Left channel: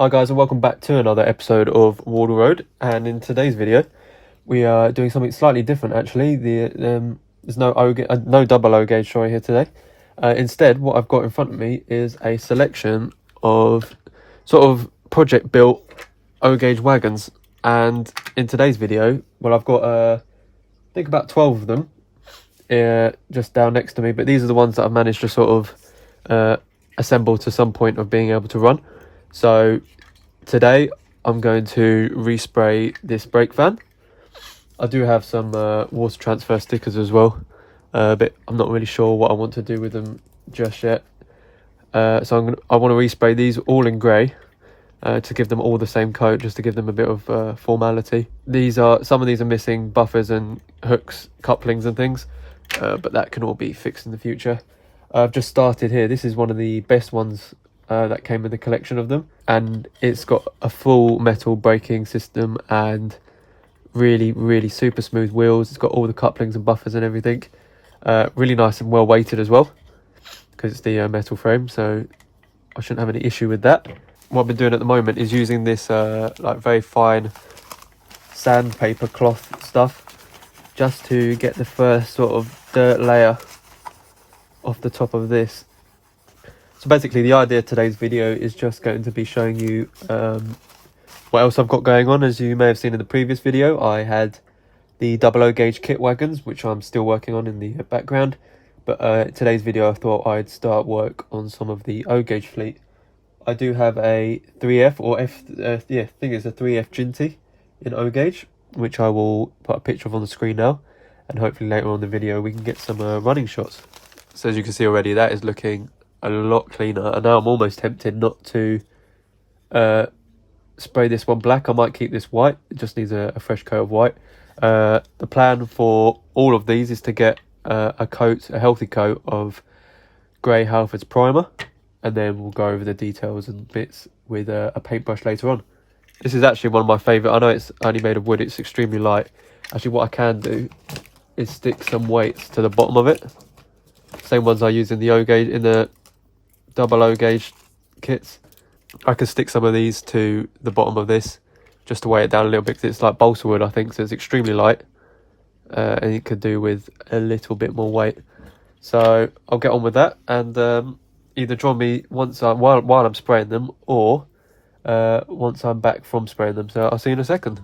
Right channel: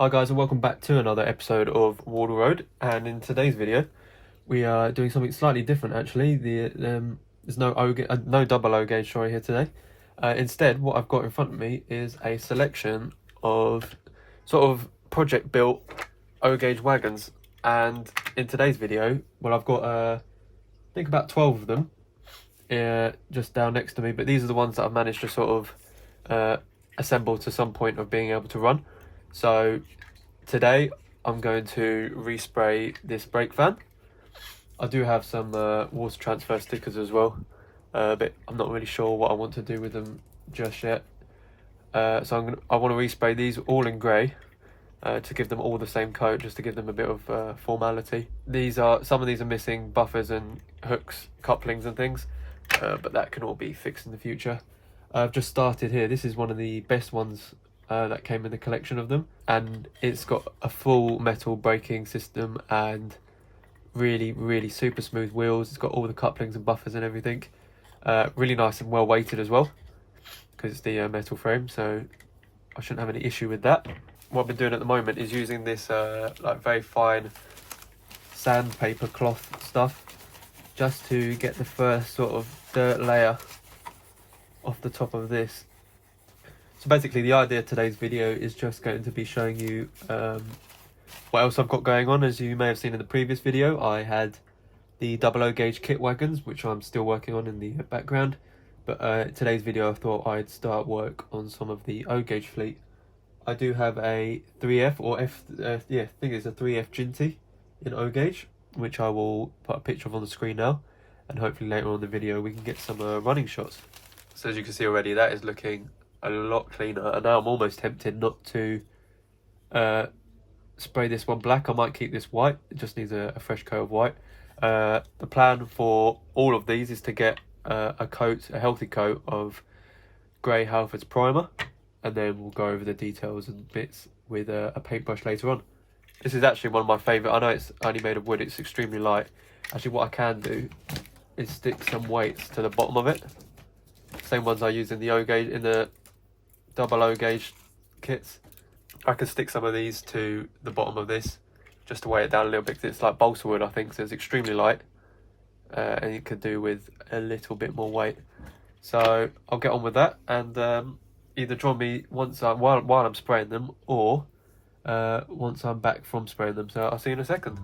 Hi guys, and welcome back to another episode of Wardle Road. And in today's video we are doing something slightly different actually. There's no double O gauge sorry here today. Instead what I've got in front of me is a selection of sort of project built O gauge wagons. And in today's video, well, I've got I think about 12 of them just down next to me, but these are the ones that I've managed to sort of assemble to some point of being able to run. So today I'm going to respray this brake van. I do have some water transfer stickers as well, but I'm not really sure what I want to do with them just yet. So I want to respray these all in grey to give them all the same coat, just to give them a bit of formality. Some of these are missing buffers and hooks, couplings and things, but that can all be fixed in the future. I've just started here. This is one of the best ones that came with a collection of them, and it's got a full metal braking system and really super smooth wheels. It's got all the couplings and buffers and everything. Really nice and well weighted as well, because it's the metal frame, so I shouldn't have any issue with that. What I've been doing at the moment is using this like very fine sandpaper cloth stuff, just to get the first sort of dirt layer off the top of this. So basically the idea of today's video is just going to be showing you what else I've got going on. As you may have seen in the previous video, I had the double O gauge kit wagons, which I'm still working on in the background. But today's video I thought I'd start work on some of the O gauge fleet. I do have a 3F or F, I think it's a 3F Ginty in O gauge, which I will put a picture of on the screen now, and hopefully later on in the video we can get some running shots. So as you can see already, that is looking a lot cleaner, and now I'm almost tempted not to spray this one black. I might keep this white. It just needs a fresh coat of white. The plan for all of these is to get a healthy coat of grey Halfords primer, and then we'll go over the details and bits with a paintbrush later on. This is actually one of my favourite. I know it's only made of wood, it's extremely light. Actually what I can do is stick some weights to the bottom of it, same ones I use in the O gauge, in the double O gauge kits. I can stick some of these to the bottom of this just to weigh it down a little bit, because it's like balsa wood I think, so it's extremely light, and it could do with a little bit more weight. So I'll get on with that, and either join me while I'm spraying them, or once I'm back from spraying them. So I'll see you in a second.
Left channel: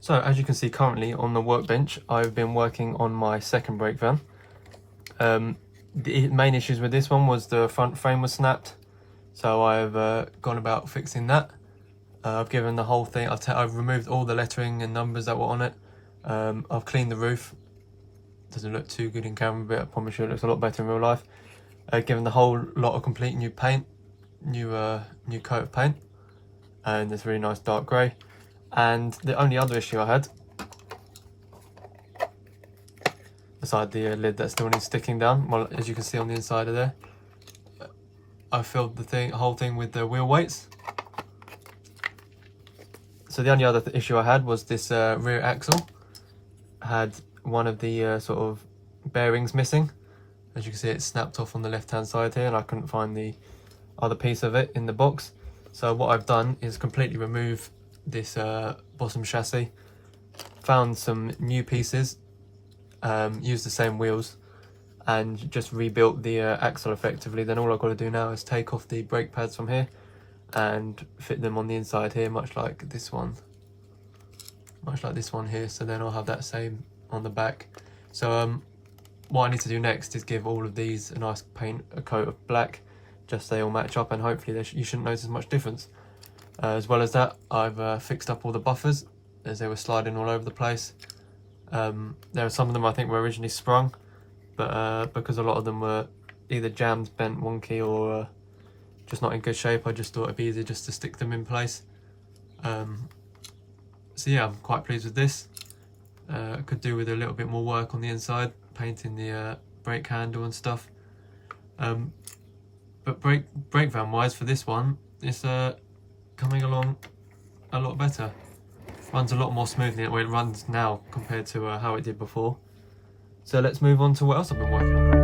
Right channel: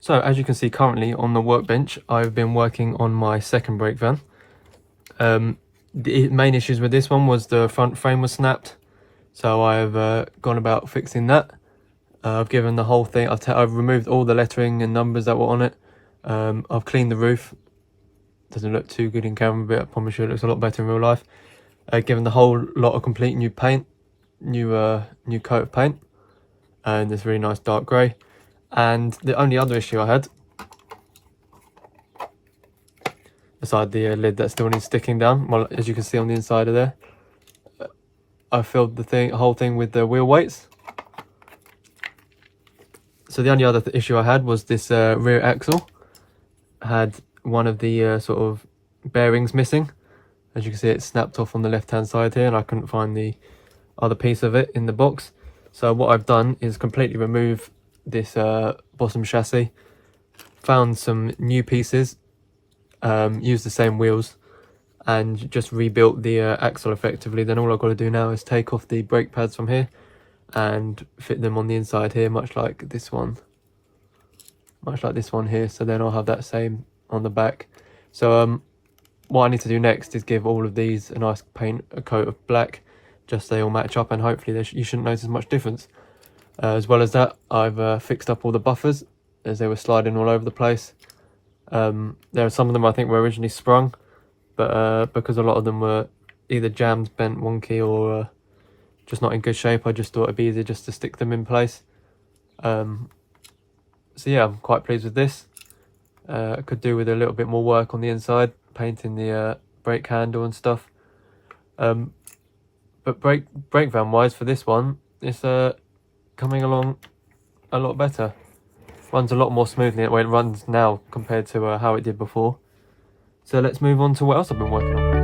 So as you can see currently on the workbench, I've been working on my second brake van. The main issues with this one was the front frame was snapped, so I've gone about fixing that. I've given the whole thing, I've removed all the lettering and numbers that were on it. I've cleaned the roof. Doesn't look too good in camera, but I promise you it looks a lot better in real life. Given the whole lot of complete new paint, new coat of paint, and this really nice dark grey. And the only other issue I had, beside the lid that still needs sticking down, well, as you can see on the inside of there, I filled the whole thing with the wheel weights. So the only other issue I had was this rear axle. I had one of the sort of bearings missing. As you can see, it snapped off on the left hand side here, and I couldn't find the other piece of it in the box. So what I've done is completely remove this bottom chassis, found some new pieces, used the same wheels, and just rebuilt the axle effectively. Then all I've got to do now is take off the brake pads from here and fit them on the inside here, much like this one here. So then I'll have that same on the back. So what I need to do next is give all of these a nice a coat of black, just so they all match up, and hopefully you shouldn't notice much difference. As well as that, I've fixed up all the buffers as they were sliding all over the place. There are some of them I think were originally sprung, but because a lot of them were either jammed, bent, wonky, or just not in good shape, I just thought it'd be easier just to stick them in place. So yeah, I'm quite pleased with this. Could do with a little bit more work on the inside, painting the brake handle and stuff. But brake van wise for this one, it's coming along a lot better. Runs a lot more smoothly the way it runs now compared to how it did before. So let's move on to what else I've been working on.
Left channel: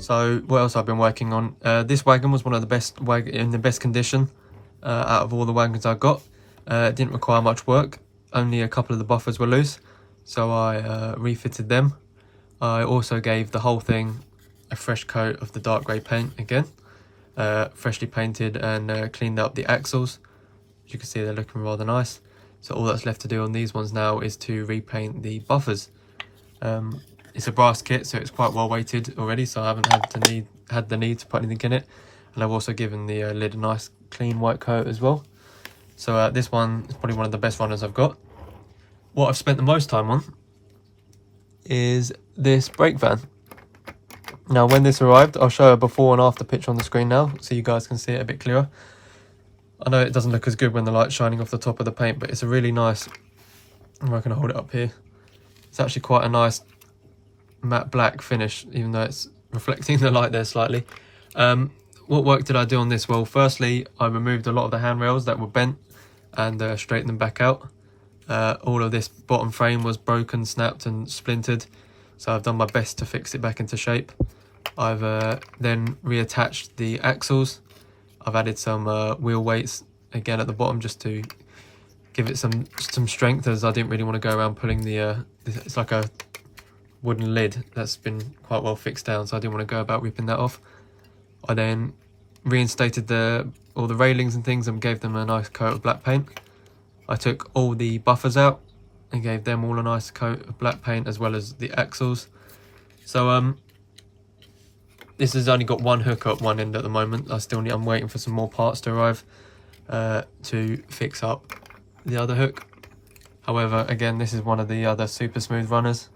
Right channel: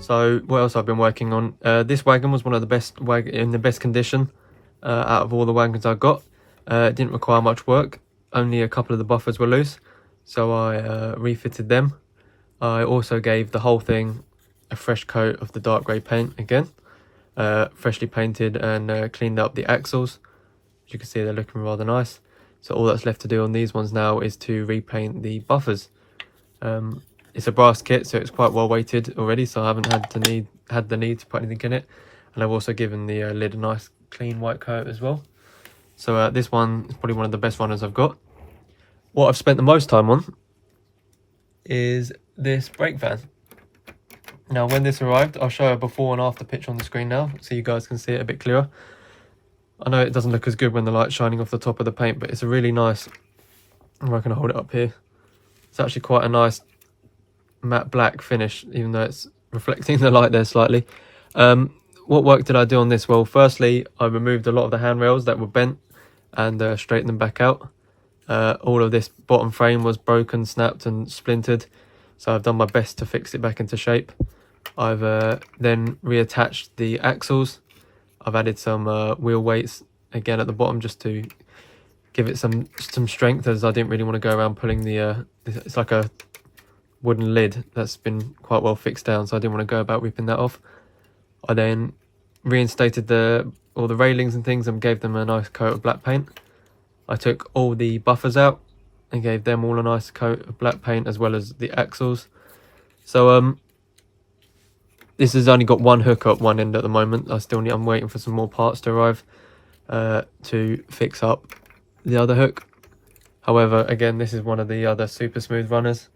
So what else I've been working on? This wagon was one of the best in the best condition out of all the wagons I got. It didn't require much work. Only a couple of the buffers were loose, so I refitted them. I also gave the whole thing a fresh coat of the dark grey paint again, freshly painted, and cleaned up the axles. As you can see, they're looking rather nice. So all that's left to do on these ones now is to repaint the buffers. It's a brass kit, so it's quite well weighted already, so I haven't had the need to put anything in it. And I've also given the lid a nice clean white coat as well. So this one is probably one of the best runners I've got. What I've spent the most time on is this brake van. Now when this arrived, I'll show a before and after picture on the screen now, so you guys can see it a bit clearer. I know it doesn't look as good when the light's shining off the top of the paint, but it's a really nice, I'm not going to hold it up here. It's actually quite a nice matte black finish, even though it's reflecting the light there slightly. What work did I do on this? Well, firstly, I removed a lot of the handrails that were bent and straightened them back out. All of this bottom frame was broken, snapped and splintered, so I've done my best to fix it back into shape. I've then reattached the axles. I've added some wheel weights again at the bottom just to give it some strength, as I didn't really want to go around pulling the it's like a wooden lid that's been quite well fixed down, so I didn't want to go about ripping that off. I then reinstated all the railings and things and gave them a nice coat of black paint. I took all the buffers out and gave them all a nice coat of black paint, as well as the axles. So this has only got one hook at one end at the moment. I'm waiting for some more parts to arrive to fix up the other hook. However, again, this is one of the other super smooth runners.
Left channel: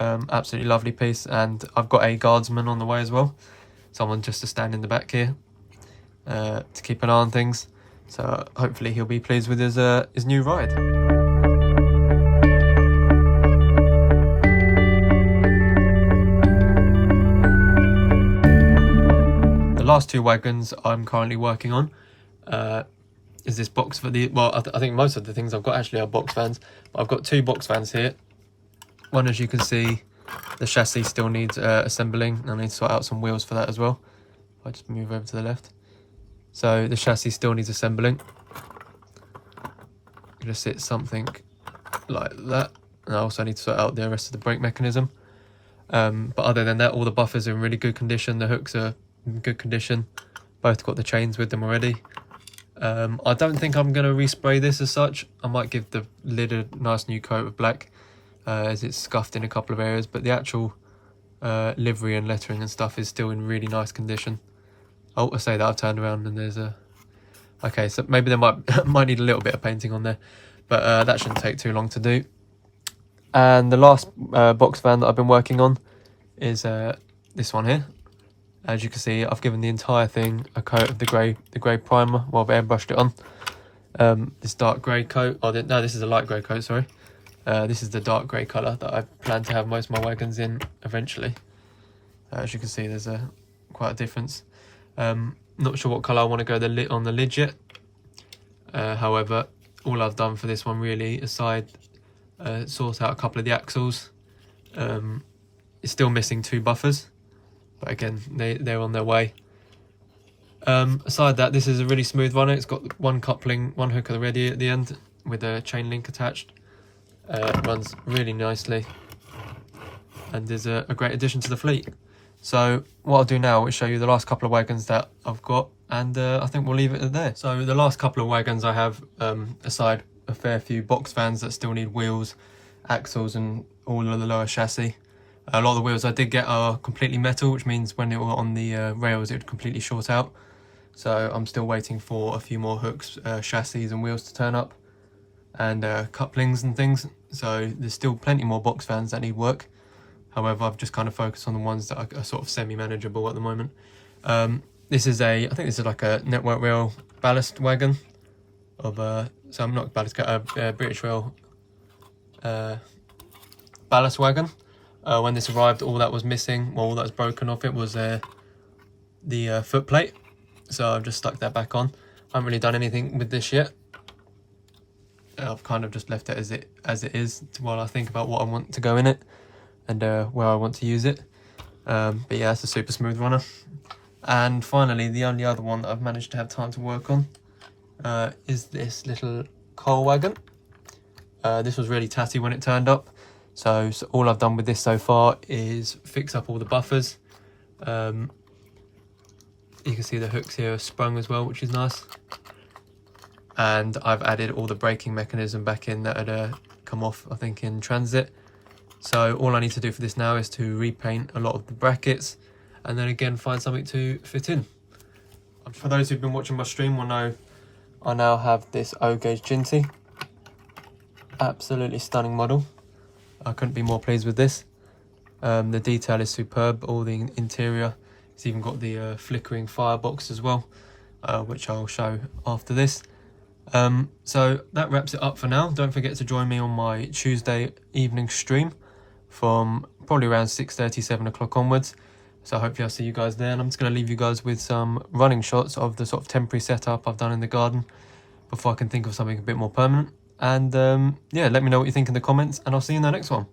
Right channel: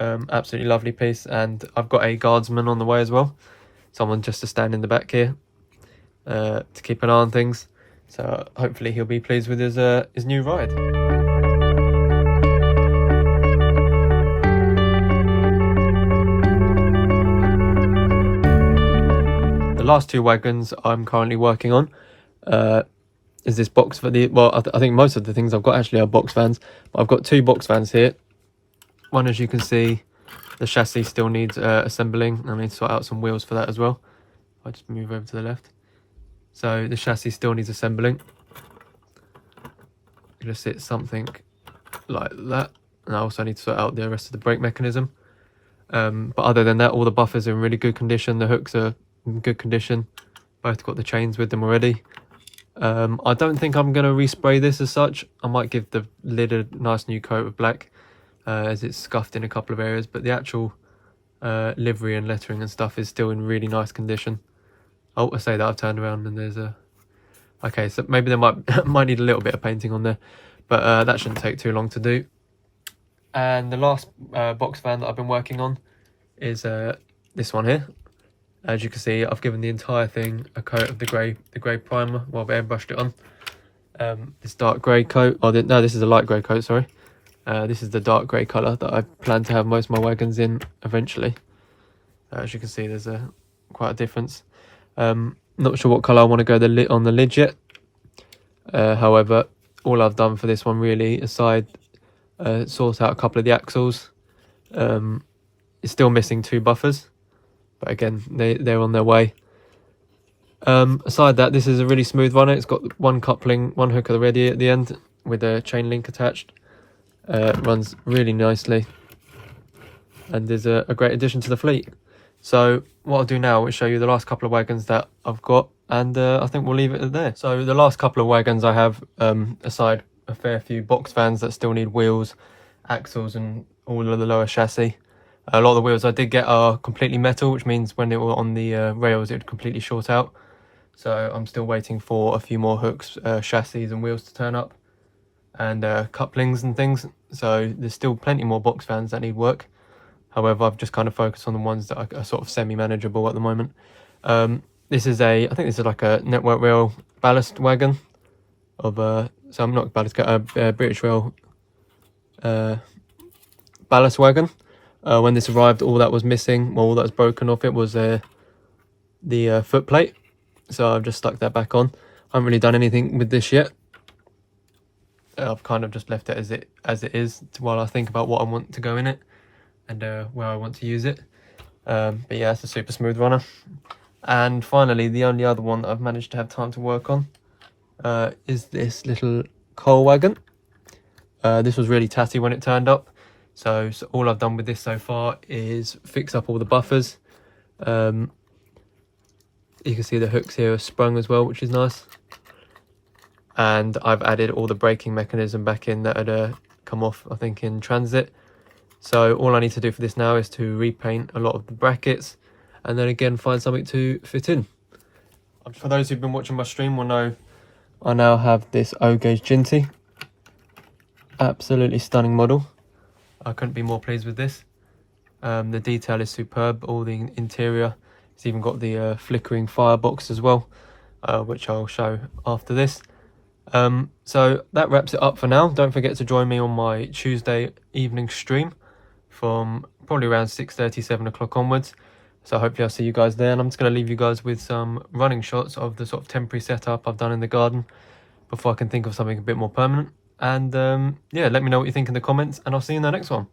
Absolutely lovely piece, and I've got a guardsman on the way as well, someone just to stand in the back here to keep an eye on things. So hopefully he'll be pleased with his new ride. The last two wagons I'm currently working on is this box for the, well, I think most of the things I've got actually are box vans, but I've got two box vans here. One, as you can see, the chassis still needs assembling. I need to sort out some wheels for that as well. If I just move over to the left. So the chassis still needs assembling. Gonna sit something like that. And I also need to sort out the rest of the brake mechanism. But other than that, all the buffers are in really good condition. The hooks are in good condition. Both got the chains with them already. I don't think I'm going to respray this as such. I might give the lid a nice new coat of black, as it's scuffed in a couple of areas, but the actual livery and lettering and stuff is still in really nice condition. Oh, I say that, I've turned around and there's a... Okay, so maybe there might need a little bit of painting on there, but that shouldn't take too long to do. And the last box van that I've been working on is this one here. As you can see, I've given the entire thing a coat of the grey primer. Well, I've airbrushed it on. This dark grey coat, no, this is a light grey coat, sorry. This is the dark grey colour that I plan to have most of my wagons in eventually. As you can see, there's quite a difference. Not sure what colour I want to go on the lid yet. However, all I've done for this one really, aside sort out a couple of the axles. It's still missing 2 buffers, but again, they're on their way. Aside that, this is a really smooth runner. It's got one coupling, one hook already at the end with a chain link attached. It runs really nicely and is a great addition to the fleet. So what I'll do now is show you the last couple of wagons that I've got, and I think we'll leave it there. So the last couple of wagons I have, aside a fair few box vans that still need wheels, axles and all of the lower chassis. A lot of the wheels I did get are completely metal, which means when they were on the rails it would completely short out. So I'm still waiting for a few more hooks, chassis and wheels to turn up, and couplings and things. So there's still plenty more box vans that need work. However, I've just kind of focused on the ones that are sort of semi-manageable at the moment. This is I think this is like a Network Rail ballast wagon of so I'm not ballast, British Rail ballast wagon. When this arrived, all that was missing, well, all that was broken off it was the foot plate. So I've just stuck that back on. I haven't really done anything with this yet. I've kind of just left it as it is while I think about what I want to go in it and where I want to use it. But yeah, it's a super smooth runner. And finally, the only other one that I've managed to have time to work on is this little coal wagon. This was really tatty when it turned up. So all I've done with this so far is fix up all the buffers. You can see the hooks here are sprung as well, which is nice. And I've added all the braking mechanism back in that had come off, I think, in transit. So all I need to do for this now is to repaint a lot of the brackets and then again find something to fit in. For those who've been watching my stream will know I now have this O-gauge Ginty. Absolutely stunning model. I couldn't be more pleased with this. The detail is superb, all the interior. It's even got the flickering firebox as well, which I'll show after this. So that wraps it up for now. Don't forget to join me on my Tuesday evening stream from probably around 6:30, 7 o'clock onwards. So hopefully I'll see you guys there. And I'm just going to leave you guys with some running shots of the sort of temporary setup I've done in the garden before I can think of something a bit more permanent. And yeah, let me know what you think in the comments, and I'll see you in the next one.